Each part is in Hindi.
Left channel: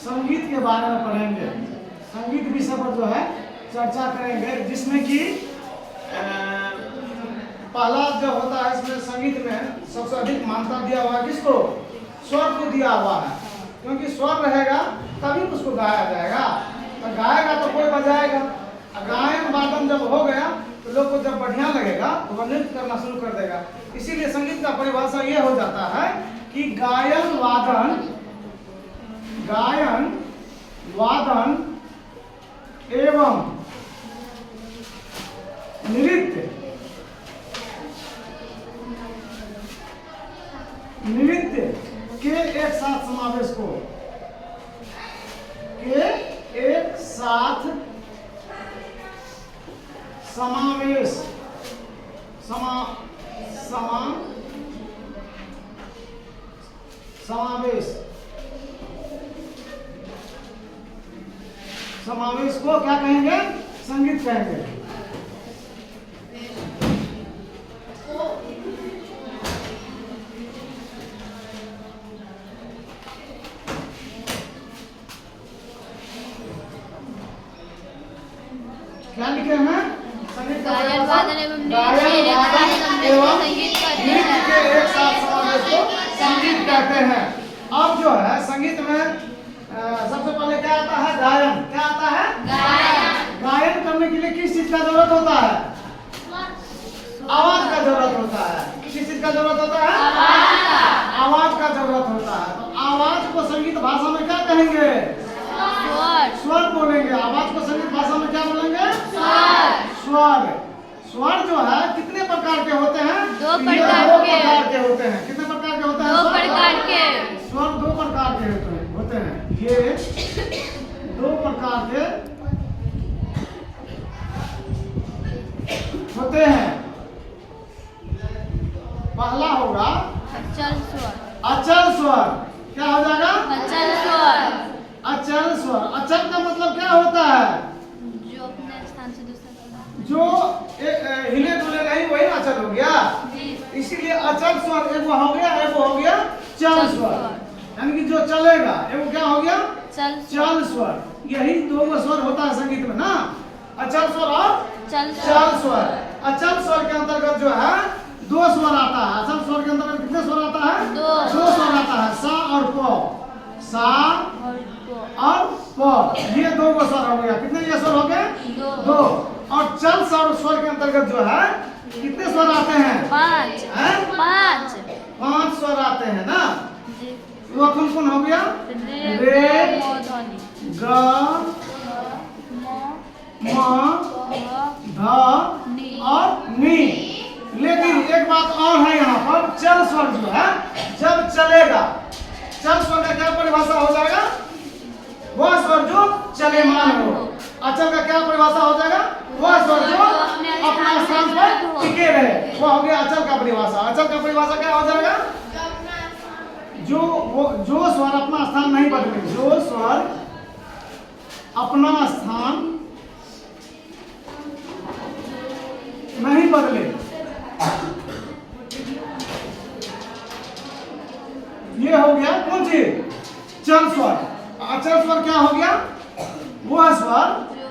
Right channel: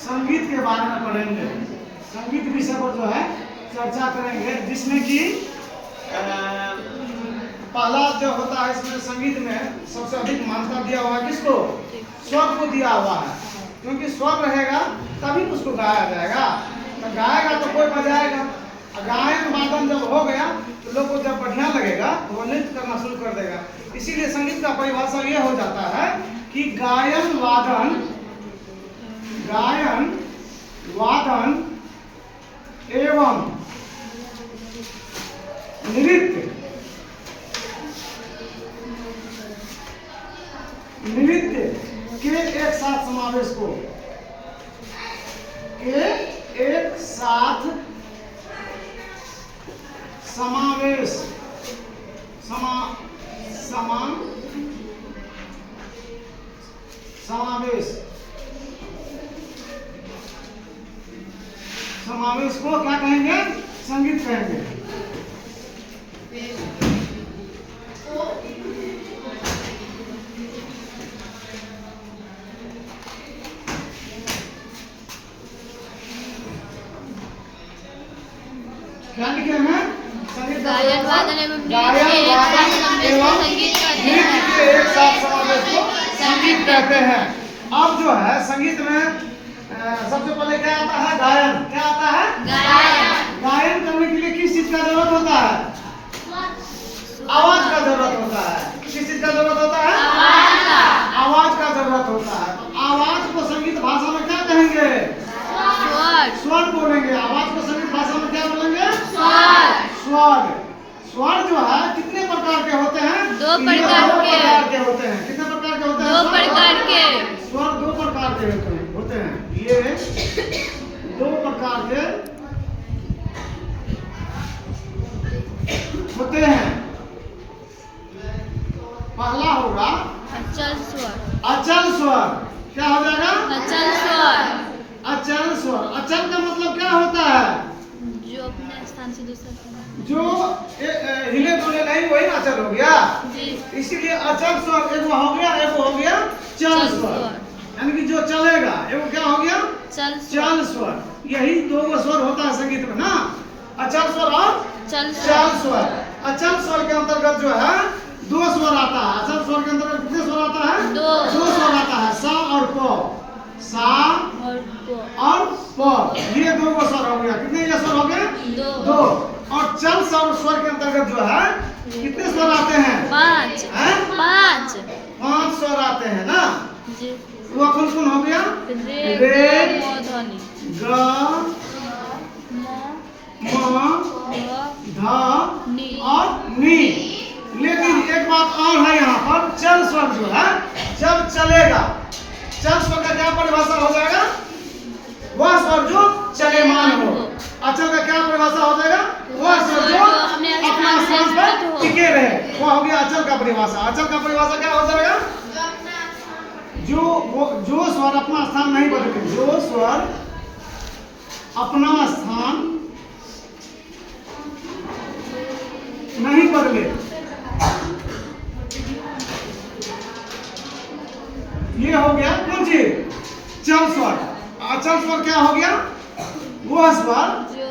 संगीत के बारे में पढ़ेंगे। संगीत विषय पर जो है चर्चा करेंगे, जिसमें कि पहला जो होता है इसमें संगीत में सबसे अधिक मान्यता दिया हुआ है किसको? स्वर को दिया हुआ है, क्योंकि स्वर रहेगा तभी उसको गाया जाएगा। तो गाएगा तो कोई बजाएगा। गायन वादन जब हो गया तो लोग को जब बढ़िया लगेगा तो वह नृत्य करना शुरू कर देगा। इसीलिए संगीत का परिभाषा यह हो जाता है कि गायन वादन एवं नृत्य के एक साथ समावेश को समावेश को क्या कहेंगे? संगीत कहेंगे। क्या लिखे हैं? गायन वादन एवं नृत्य के एक साथ समावेश को संगीत कहते हैं। अब जो है संगीत में सबसे पहले क्या आता है? गायन। क्या आता है? गायन करने के लिए किस चीज का जरूरत होता है? आवाज का जरूरत होता है। किस चीज का जरूरत होता है? आवाज का जरूरत होता है। तो आवाज को संगीत भाषा में क्या कहेंगे? स्वर बोलेंगे। आवाज को संगीत भाषा में क्या बोलेंगे? स्वर। स्वर जो है कितने प्रकार के होते हैं? दो प्रकार के होते हैं। कितने प्रकार के होते हैं? दो प्रकार के। स्वर दो प्रकार के होते हैं। ये दो प्रकार के होते हैं। पहला होगा अचल स्वर। अचल स्वर। क्या हो जाएगा? अचल स्वर। अचल स्वर। अचल का मतलब क्या होता है? जो अपने स्थान से दूसरे जो हिले डुले नहीं, वही अचल हो गया। इसीलिए अचल स्वर एगो हो गया, एगो हो गया चल स्वर। यानी कि जो चलेगा, एगो क्या हो गया? चल स्वर। यही दो स्वर होता है संगीत में ना, अचल स्वर और चल स्वर। अचल स्वर के अंतर्गत जो है दो स्वर आता है। अचल स्वर के अंतर्गत कितने स्वर आता है? दो स्वर आता है, सा और प। सा और प, ये दो स्वर हो गया। कितने ये स्वर हो गए? दो। और चल स्वर के अंतर्गत जो है कितने स्वर आते हैं? पांच स्वर आते हैं ना। वो कौन हो गया? रे, ग, म, ध और नी। लेकिन एक बात और है यहाँ पर, चल स्वर जो है जब चलेगा, चल स्वर का क्या परिभाषा हो जाएगा? वह स्वर जो चलेमान हो। अचल का क्या परिभाषा हो जाएगा? वह स्वर जो अपना स्थान पर टिके रहे, वह हो गया अचल का परिभाषा। अचल का परिभाषा क्या हो जाएगा? जो स्वर अपना स्थान नहीं बदले, जो स्वर अपना स्थान नहीं बदले, ये हो गया कौन चीज? चल स्वर। अचल स्वर क्या हो गया? वह स्वर जो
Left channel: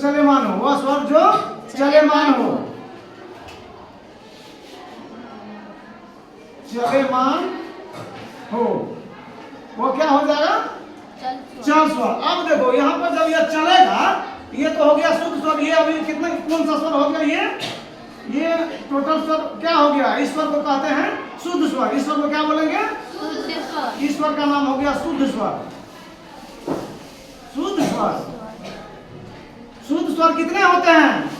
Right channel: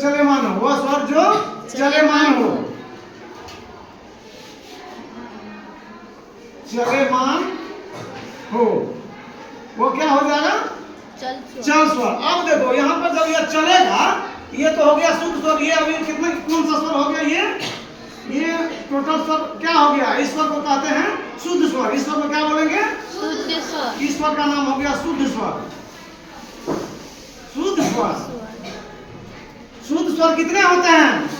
चलेमान हो, वह स्वर जो चलेमान हो। वो क्या हो जाएगा? चल स्वर। अब देखो यहाँ पर जब यह चलेगा, ये तो हो गया शुद्ध स्वर। ये अभी कितना कौन सा स्वर हो गया? ये टोटल स्वर क्या हो गया? ईश्वर को कहते हैं शुद्ध स्वर। ईश्वर को क्या बोलेंगे? शुद्ध स्वर। ईश्वर का नाम हो गया शुद्ध स्वर। शुद्ध स्वर। शुद्ध स्वर कितने होते हैं?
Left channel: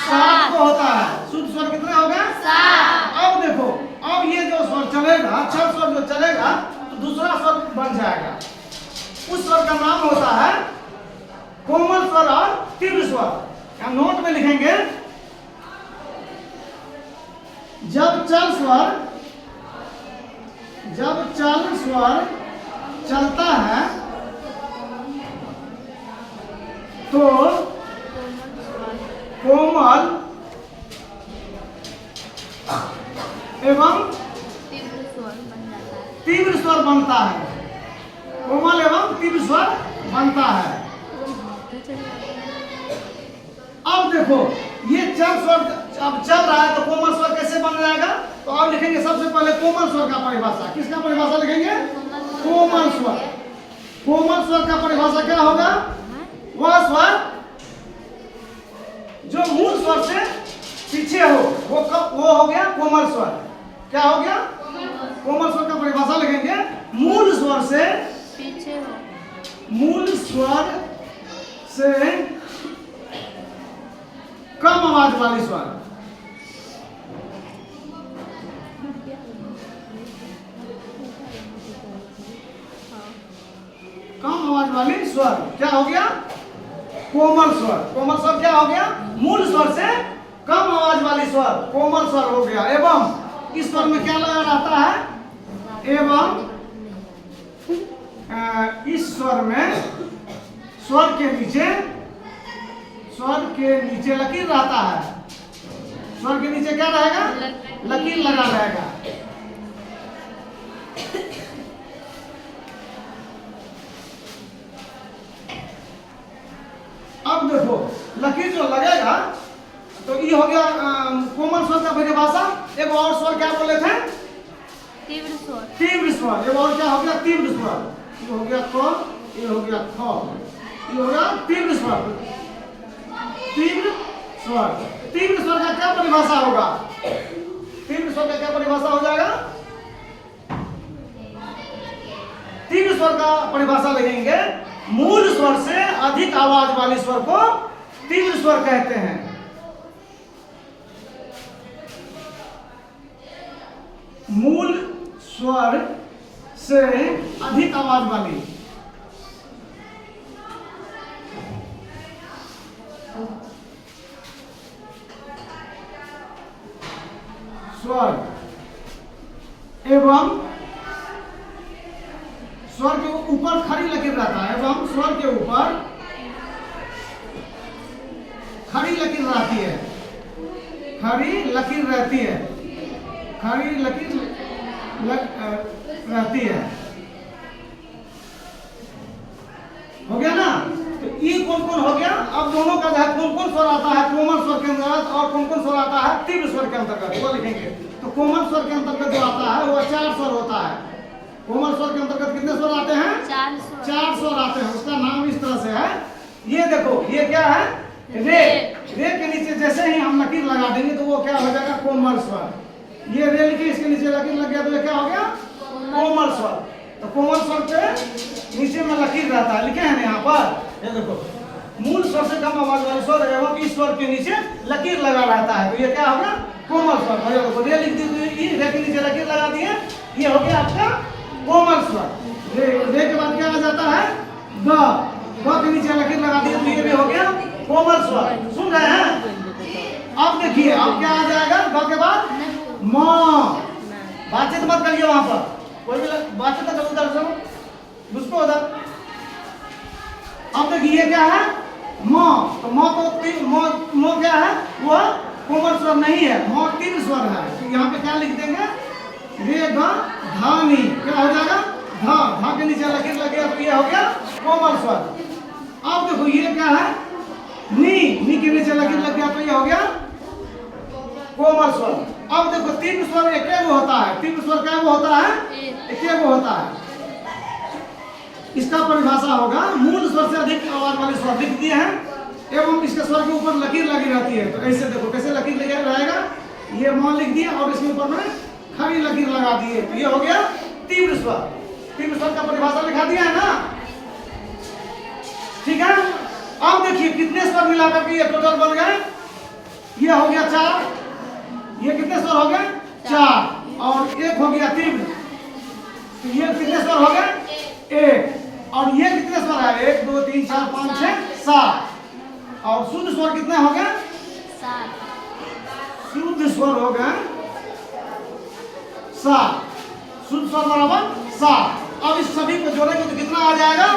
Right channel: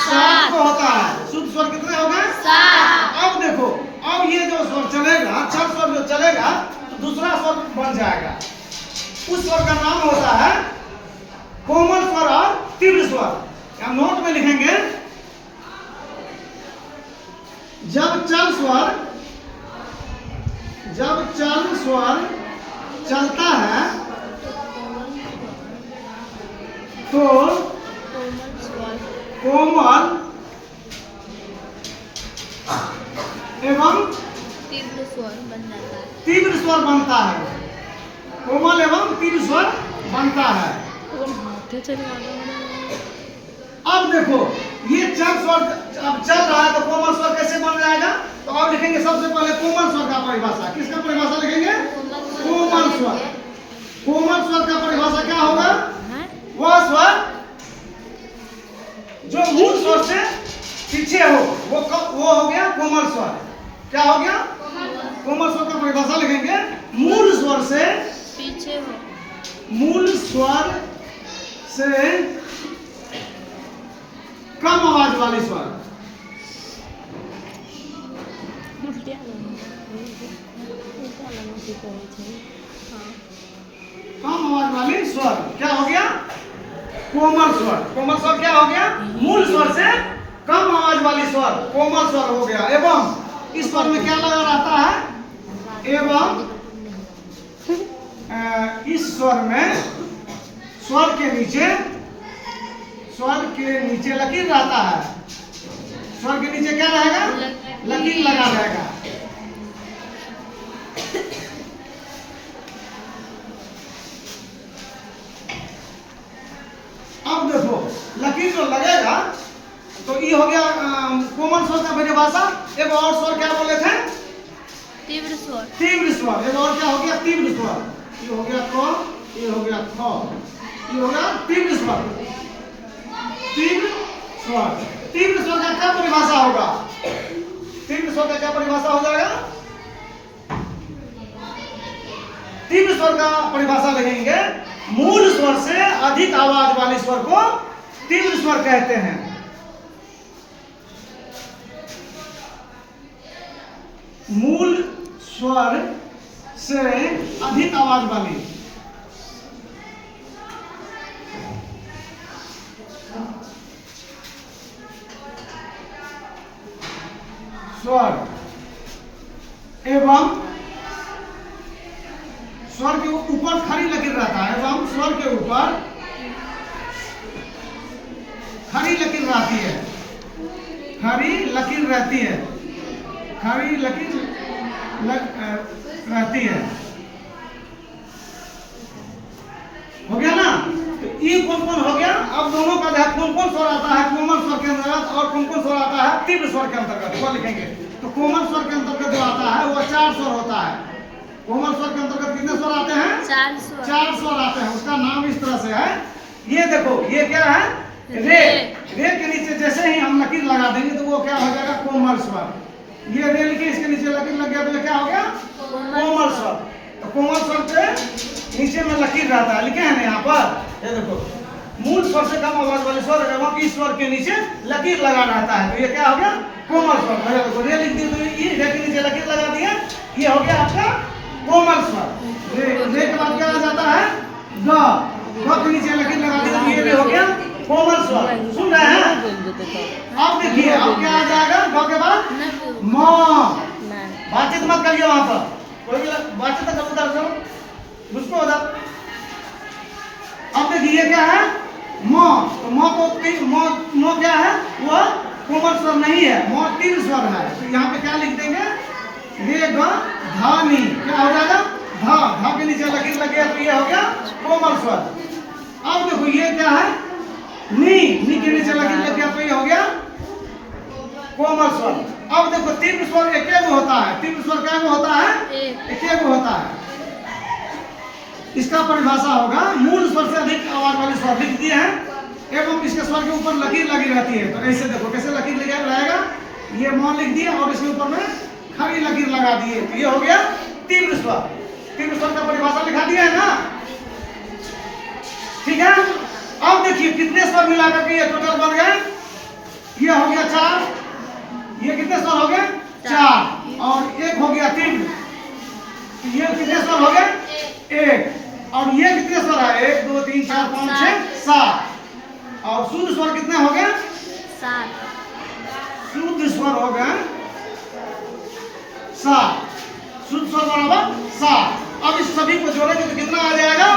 7 होता है। शुद्ध स्वर कितने हो गए? 7। अब देखो, अब ये जो स्वर चलेगा, चल स्वर जो चलेगा तो दूसरा स्वर बन जाएगा। उस स्वर का नाम होता है कोमल स्वर और तीव्र स्वर। हम नोट में लिखेंगे, जब चल स्वर चलता है तो कोमल एवं स्वर बन जाता है। तीव्र स्वर बनता है, कोमल एवं तीव्र स्वर बनता है। अब देखो ये चल स्वर अब चल रहा है तो कोमल स्वर कैसे बन जाएगा? तो अब लिखेंगे सबसे पहले कोमल स्वर का परिभाषा। किसका परिभाषा लिखेंगे? कोमल स्वर। कोमल स्वर का परिभाषा क्या होगा? वह स्वर जो मूल स्वर से पीछे हो, वो हो गया कोमल स्वर। क्या हो गया? कोमल स्वर का परिभाषा लिखेंगे मूल स्वर से पीछे हो, मूल स्वर से कम आवाज वाली स्वर। कम आवाज वाली स्वर क्या हो गया? कोमल स्वर। कोमल स्वर क्या हो गया? मूल स्वर से कम आवाज वाली स्वर कोमल स्वर हो गया। एवं इस स्वर में क्या लगा रहता है? एवं इस स्वर में स्वर के नीचे लकीर रहता है। स्वर के नीचे क्या रहेगा? लकीर लगा रहेगा। अब देखो लकीर जो लगेगा तो ये हो गया कोमल स्वर का परिभाषा। एक और स्वर क्या बोले थे? तीव्र स्वर। तीव्र स्वर। एक और क्या हो गया? तीव्र स्वर। ये हो गया क, ये हो गया ख, ये हो गया तीव्र स्वर। तीव्र स्वर। तीव्र स्वर का क्या परिभाषा होगा? तीव्र स्वर का क्या परिभाषा हो जाएगा? तीव्र स्वर का परिभाषा लिखेंगे मूल स्वर से अधिक आवाज वाले स्वर को तीव्र स्वर कहते हैं। मूल स्वर से अधिक आवाज वाली स्वर एवं स्वर के ऊपर खड़ी लकीर रहता है। एवं स्वर के ऊपर खड़ी लकीर रहती है। खड़ी लकीर रहती है। खड़ी लकीर रहती है। हो गया ना? तो ये कौन कौन हो गया? अब दोनों का जो कौन कौन स्वर आता है कोमल स्वर के अंतर्गत और कौन कौन स्वर आता है तीव्र स्वर के अंतर्गत, वो लिखेंगे। तो कोमल स्वर के अंतर्गत जो आता है वो 4 स्वर होता है। कोमल स्वर के अंतर्गत कितने स्वर आते हैं? 4 स्वर। 4 स्वर आते हैं। उसका नाम इस तरह से है। ये देखो ये क्या है? रे। रे के नीचे जैसे ही हम लकीर लगा देंगे तो वो क्या हो जाएगा? कोमल स्वर। ये रे लिखिए, इसके नीचे लकीर लग गया तो ये क्या हो गया? कोमल स्वर। तो कोमल स्वर के नीचे में लकीर रहता है, लिखे हैं ना यहाँ पर। ये देखो मूल स्वर से कम आवाज वाले स्वर एवं इस स्वर के नीचे लकीर लगा रहता है तो ये क्या हो गया? कोमल स्वर। भैया देखो रे लिख दिए तो ये रे के नीचे लकीर लगा दिए, ये हो गया आपका कोमल स्वर। रे के बाद क्या आ जाता है? ग। ग के नीचे लकीर लगा दिए तो ये रे हो गया कोमल स्वर। सुन रहे हैं? अब देखिए अब क्या आ जाएगा? ग के बाद म। बातचीत मत करिए वहां पर, कोई भी बातचीत तो करो, उधर चलो उसको उधर। अब देखिए क्या है? म। तो म को म क्या है? वो कोमल स्वर नहीं है, म तीव्र स्वर है। तो यहाँ पे क्या लिख देंगे? रे ग धा नी। क्या हो जाएगा? धा। धा के नीचे लकीर लग गया तो ये हो गया कोमल स्वर। अब देखो ये क्या है? नी। नी के नीचे लकीर लग गया तो ये हो गया कोमल स्वर। अब देखो तीव्र स्वर एक होता है। तीव्र स्वर क्या होता है? एक होता है। इसका परिभाषा होगा मूल स्वर से अधिक आवाज वाले स्वर लिख दिए हैं एवं इसके स्वर के ऊपर लकीर लगी रहती है। तो ऐसे देखो कैसे लकीर लगा रहेगा? ये मान लिख दिया और इसके ऊपर में खड़ी लकीर लगा दिए तो ये हो गया तीव्र स्वर। तीव्र स्वर का परिभाषा लिखा दिया है ना? ठीक है। अब देखिए कितने स्वर मिलाकर के ये टोटल बन गए? ये हो गया 4। ये कितने स्वर हो गए? 4। और एक हो गया तीव्र। ये कितने स्वर हो गए? 1। और ये कितने स्वर है? 1 2 3 4 5 6 7। और शुद्ध स्वर कितने हो गए? 7। शुद्ध स्वर हो गए 7। शुद्ध स्वर बराबर 7। अब इस सभी को जोड़ेंगे तो कितना आ जाएगा?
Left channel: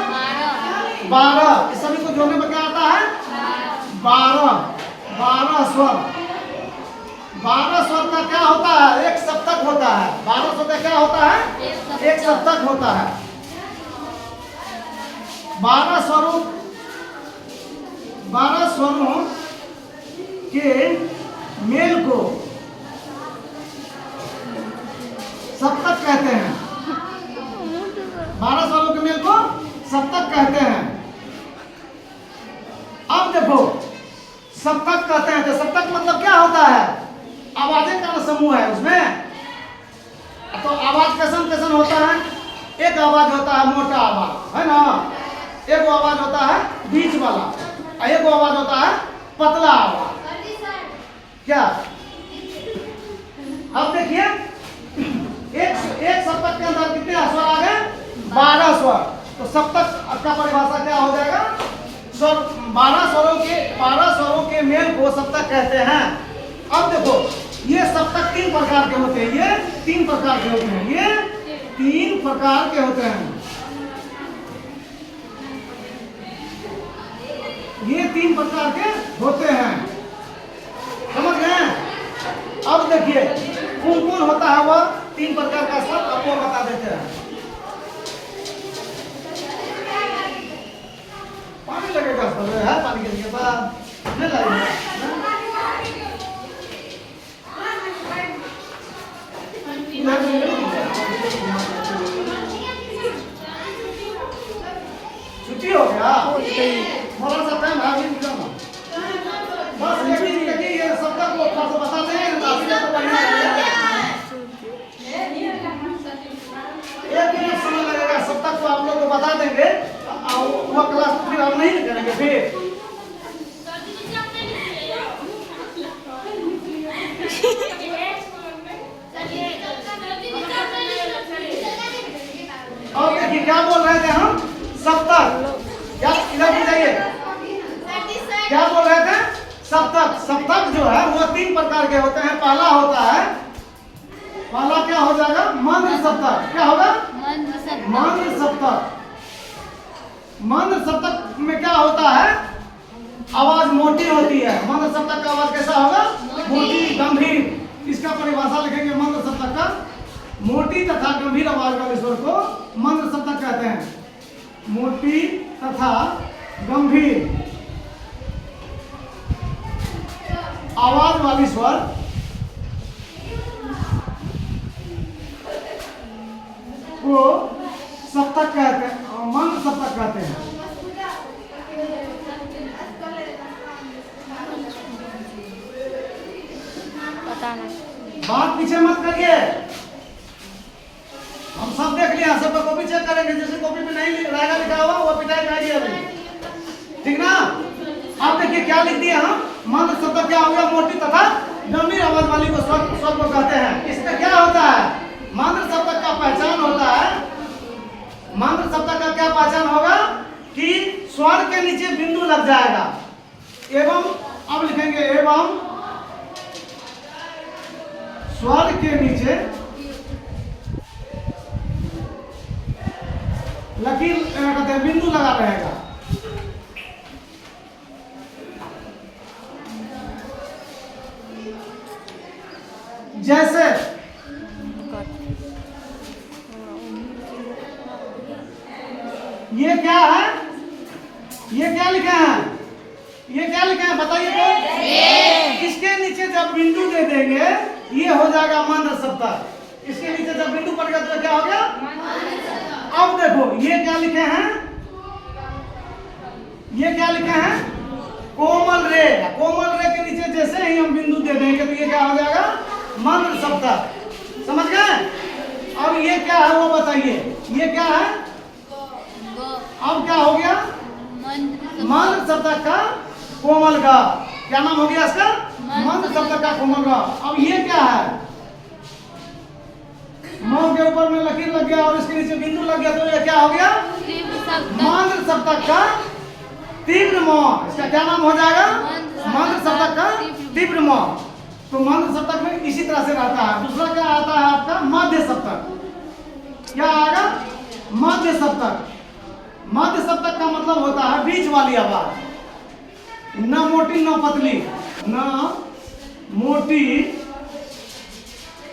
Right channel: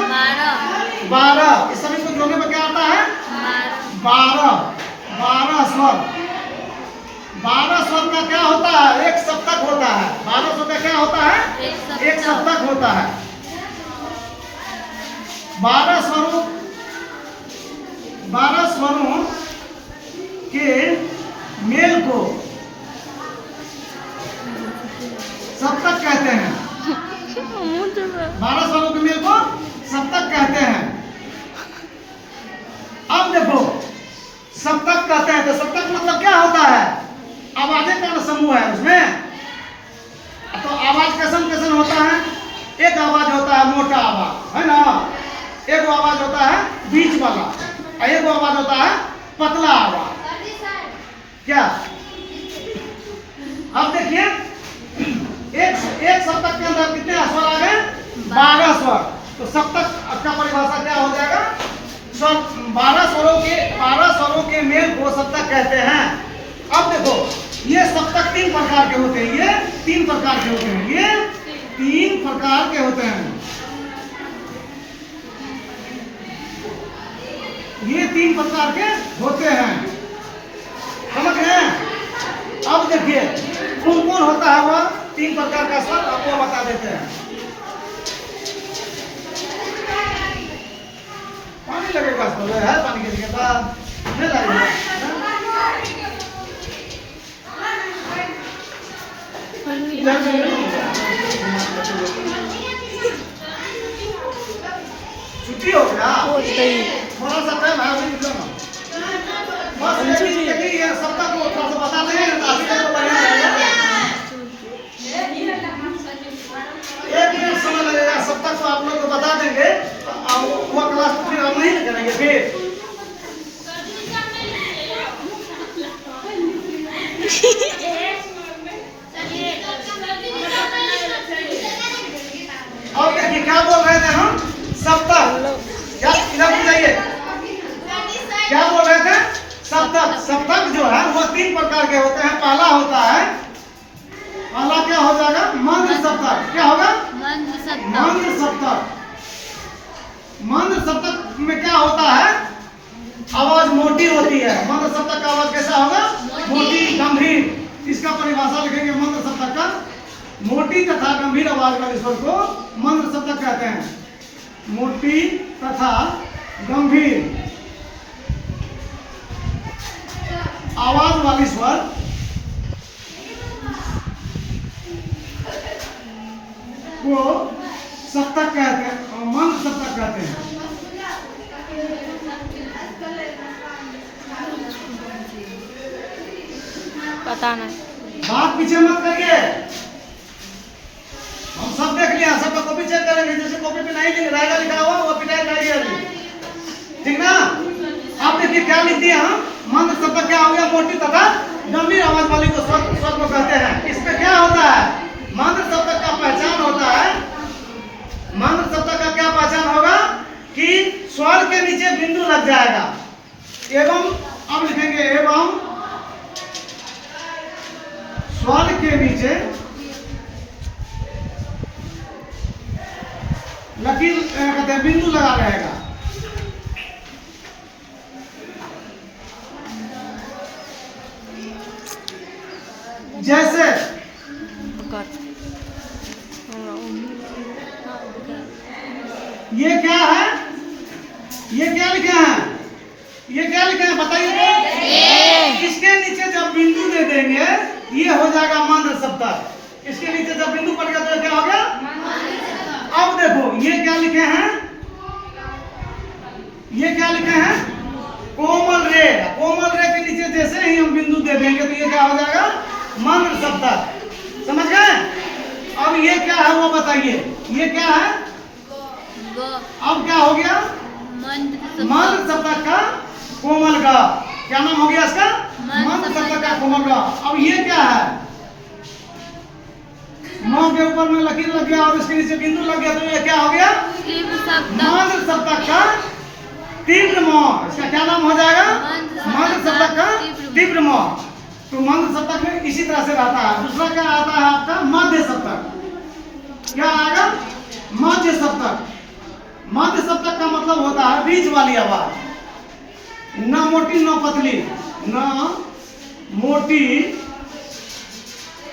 12। इस सभी को जोड़ने पर क्या आता है? 12 स्वर। 12 स्वर का क्या होता है? एक सप्तक होता है। 12 स्वर का क्या होता है? एक सप्तक होता है। 12 स्वरों के मेल को सप्तक कहते हैं। 12 स्वरों के मेल को सप्तक कहते हैं। अब देखो, सप्तक कहते हैं तो सप्तक मतलब क्या होता है? आवाजें का समूह है उसमें। तो आवाज कैसन होता है? एक आवाज होता है मोटा आवाज, है ना? एक आवाज होता है बीच वाला, एक आवाज होता है पतला आवाज। क्या? अब देखिए, एक सप्तक के अंदर कितने स्वर आ गए? 12 स्वर। तो सप्तक का परिभाषा क्या हो जाएगा? 12 स्वरों के मेल को सप्तक कहते हैं। अब देखो, ये सप्तक 3 प्रकार के होते हैं। ये 3 प्रकार के होते हैं। ये 3 प्रकार के होते हैं। ये 3 प्रकार के होते हैं। समझ गए? अब देखिए, कौन कौन होता है वह 3 प्रकार का स्वर आपको बता देते हैं। पानी लगेगा इसमें, है पानी के लिए बाद नहीं लगेगा। छुट्टी हो गया? थोड़ा सा टाइम है अभी, बस ये सबका को थोड़ा सा बता दें ना, तो बढ़िया रहेगा। 1 मिनट समय लगेगा, सब तक तो आप लोग को बता देंगे। वो क्लास फिर हम नहीं करेंगे फिर। और देखिए क्या बोल रहे थे हम? सप्तक। क्या इधर जाइए, क्या बोल रहे थे? सप्तक। सप्तक जो है वो 3 प्रकार के होते हैं। पहला होता है, पहला क्या हो जाएगा? मंद्र सप्तक। क्या होगा? मंद्र सप्तक। मंद्र सप्तक में क्या होता है? आवाज मोटी होती है। मंद्र सप्तक का आवाज कैसा होगा? मोटी, गंभीर। इसका परिभाषा लिखेंगे मंद्र सप्तक का। मोटी तथा गंभीर आवाज वाले स्वर को मंद्र सप्तक कहते हैं। मोटी तथा गंभीर आवाज वाली स्वर को सप्तक कहते हैं, मंद्र सप्तक कहते हैं। पता नहीं, बात पीछे मत करिए। हम सब देख लिया, सबका कॉपी चेक करेंगे। जैसे कॉपी पे नहीं रहेगा लिखा हुआ वो पिटाई खाइए अभी, ठीक ना? आप देखिए क्या लिख दिया हम? मंद्र सप्तक क्या हो गया? मोटी तथा गंभीर आवाज वाली को स्वर को कहते हैं। इसमें क्या होता है? मंद्र सप्तक का पहचान होता है। मंद्र शब्द का क्या पहचान होगा कि स्वर के नीचे बिंदु लग जाएगा। एवं, अब लिखेंगे एवं स्वर के नीचे लकीर कहते हैं बिंदु लगा रहेगा। जैसे ये क्या है? ये क्या लिखे हैं? ये क्या लिखे हैं बताइए तो? इसके नीचे जब बिंदु दे देंगे ये हो जाएगा मंद्र शब्द। इसके नीचे जब बिंदु पड़ गया तो क्या हो गया? अब देखो ये क्या लिखे हैं? ये क्या लिखे हैं? कोमल रे। कोमल रे के नीचे जैसे ही हम बिंदु दे देंगे तो ये क्या हो जाएगा? मंद्र शब्द। समझ गए? अब ये क्या है वो बताइए। ये क्या है? अब क्या हो गया? मंद्र शब्द का कोमल गा। क्या नाम हो गया इसका? मंद्र शब्द का कोमल गा। अब ये क्या है? नौ के ऊपर में लकीर लग गया और इसके नीचे बिंदु लग गया तो ये क्या हो गया? मंद्र शब्द का तीव्र म। इसका क्या नाम हो जाएगा? मंद्र शब्द का तीव्र म। तो मंद्र शब्द में इसी तरह से रहता है। दूसरा क्या आता है आपका? मध्य शब्द। क्या आएगा? मध्य शब्द। मध्य शब्द का मतलब होता है बीच वाली आवाज, न मोटी न पतली, न मोटी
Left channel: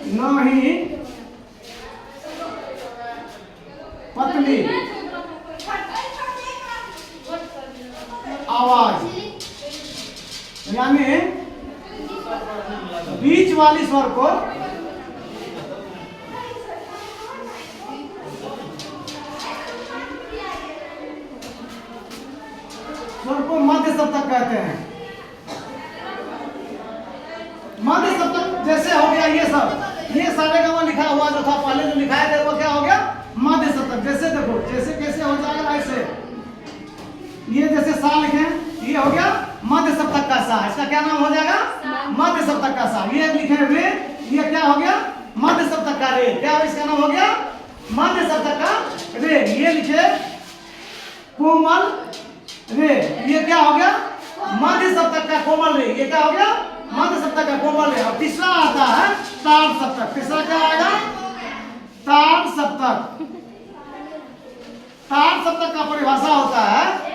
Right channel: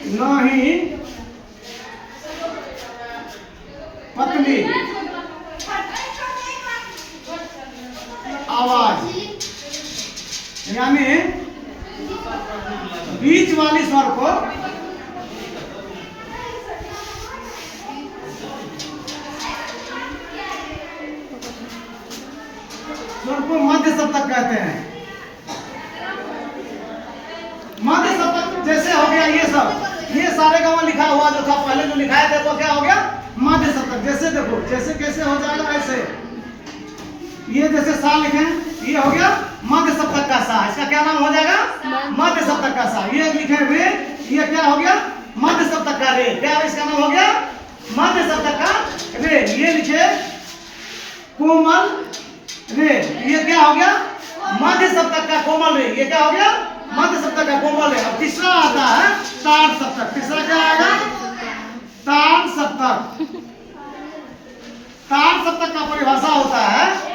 न ही पतली आवाज, यानी बीच वाली स्वर को मध्य सप्तक कहते हैं। मध्य सप्तक जैसे हो गया ये सब, ये सारे गाँव लिखा हुआ जो था पहले जो लिखाए थे वो क्या हो गया, मध्य सप्तक। जैसे देखो जैसे कैसे हो जाएगा ऐसे, ये जैसे सा लिखे ये हो गया मध्य सप्तक का सा, इसका क्या नाम हो जाएगा, मध्य सप्तक का सा। ये लिखे रे, ये क्या हो गया, मध्य सप्तक का रे, क्या इसका नाम हो गया, मध्य सप्तक का रे। ये लिखे कोमल रे, ये क्या हो गया, मध्य सप्तक का कोमल रे, ये क्या हो गया, मध्य सप्तक का कोमल रे। अब तीसरा आता है ताड़ सप्तक। तीसरा क्या आएगा, ताड़ सप्तक। ताड़ सप्तक का परिभाषा होता है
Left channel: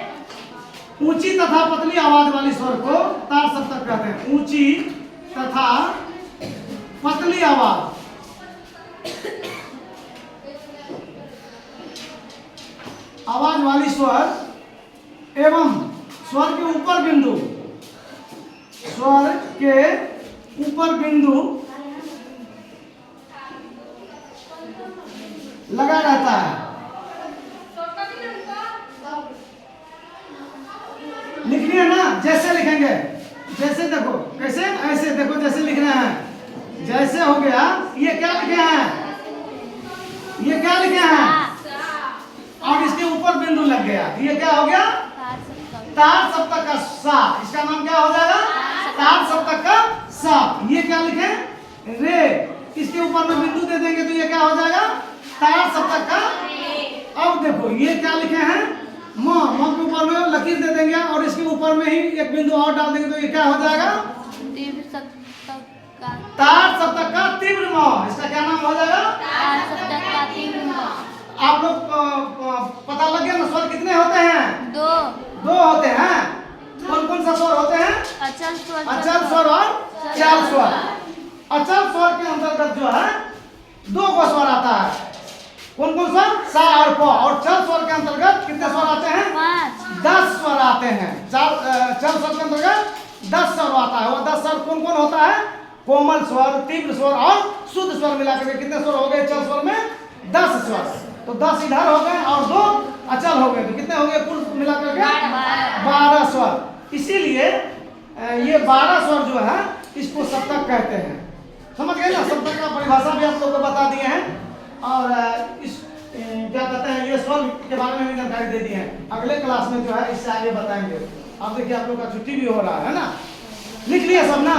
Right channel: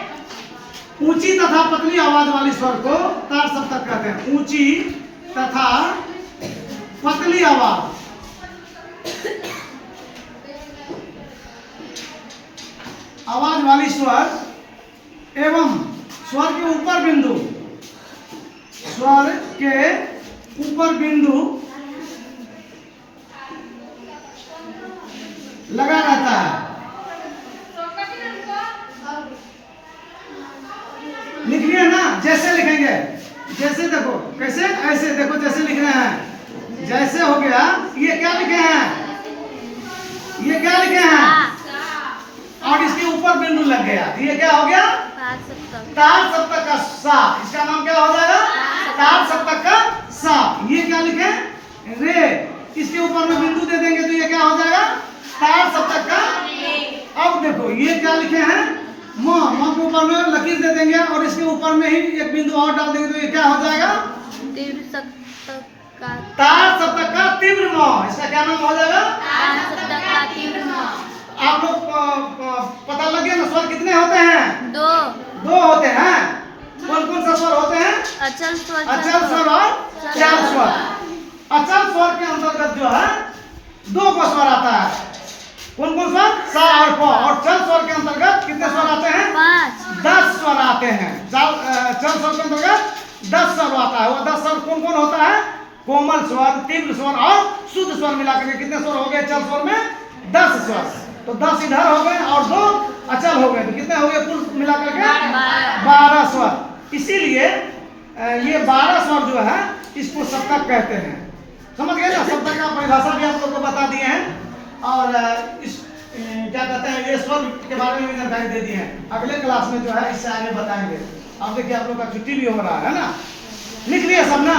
ऊंची तथा पतली आवाज वाली स्वर को ताड़ सप्तक कहते हैं। ऊंची तथा पतली आवाज, आवाज वाली स्वर एवं स्वर के ऊपर बिंदु, स्वर के ऊपर बिंदु लगा रहता है। लिखिए ना, जैसे लिखेंगे, जैसे देखो कैसे, ऐसे देखो जैसे लिख रहे हैं, जैसे हो गया। ये क्या लिखे हैं, ये क्या लिखे हैं, और इसके ऊपर बिंदु लग गया, ये क्या हो गया, ताड़ सप्तक का सा। इसका नाम क्या हो जाएगा, ताड़ सप्तक का सा। ये क्या लिखे रे, इसके ऊपर में बिंदु दे देंगे तो ये क्या हो जाएगा, ताड़ सप्तक का। अब देखो ये क्या लिखे हैं, म के ऊपर में लकीर दे देंगे और इसके ऊपर में ही एक बिंदु और डाल देंगे तो ये क्या हो जाएगा, तीव्र सप्तक का, ताड़ सप्तक का तीव्र म। इसका क्या नाम हो जाएगा, ताड़ सप्तक का तीव्र म। आप लोग पता लग गया ना, स्वर कितने होते हैं, दो होते हैं। कौन कौन सा स्वर होते हैं, अचल स्वर, अचल स्वर और चल स्वर। अचल स्वर के अंतर्गत जो है दो को स्वर आता है। कौन कौन स्वर, सा और प। और चल स्वर के अंतर्गत कितने स्वर आते हैं, 10 स्वर आते हैं। चल स्वर के अंतर्गत 10 स्वर आता है। वो 10 स्वर कौन कौन होता है, कोमल स्वर, तीव्र स्वर और शुद्ध स्वर मिलाकर के कितने स्वर हो गए चल स्वर में, 10 स्वर। तो 10 इधर हो गए और 2 अचल हो गए, तो कितने हो गए कुल मिलाकर के 12 स्वर। इसीलिए ये 12 स्वर जो है इसको सप्तक कहते हैं। समझ गए ना, सप्तक का परिभाषा भी आप लोग को बता दिए हैं और इस क्या कहते हैं ये स्वर के बारे में भी जानकारी दे दिए हैं। अगले क्लास में जो है इससे आगे बताएंगे। अब देखिए आप लोग का छुट्टी भी हो रहा है ना, लिख लिया सब ना।